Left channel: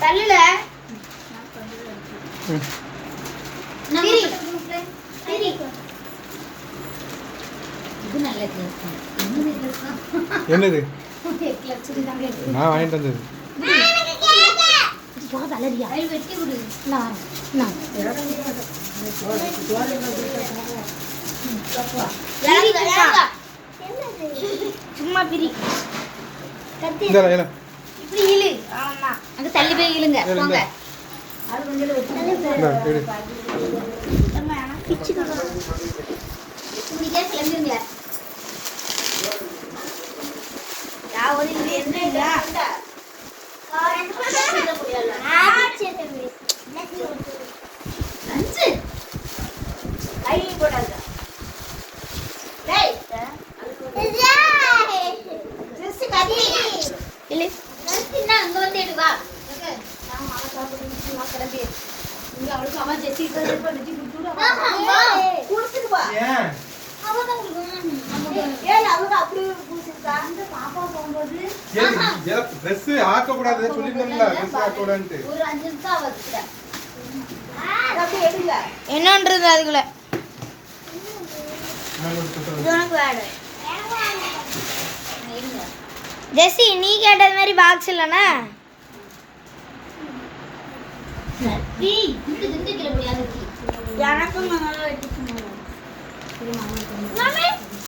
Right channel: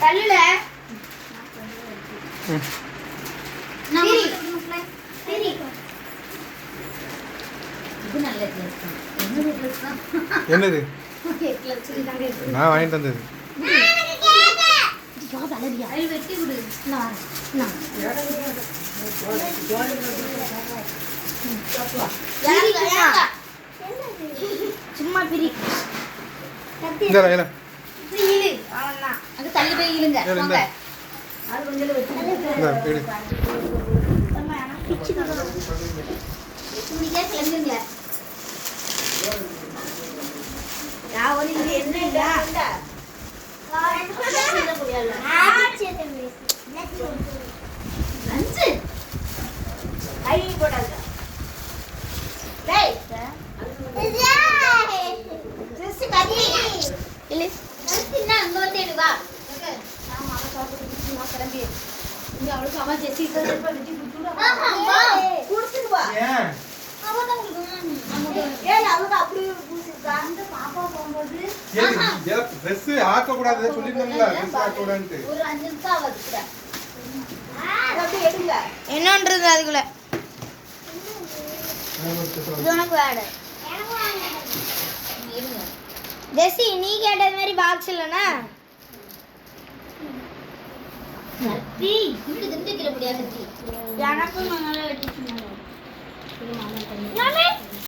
தள்ளுல என்னது நான் வாங்கிட்டு வந்தது சும்மா பிரி இப்படி இழு அவ்வளோதான் அங்க தள்ளி போய் இழுங்க அது கொஞ்சம் இப்படிக்கே கிளம்புங்க நான் ஒரு இது என்ன இல்லை என்னன்றது அதுக்குள்ள ஜெஸ்ஸி நீ கேட்டது மாதிரி பாக்ஸ் இல்லைண்ணா எனக்கும்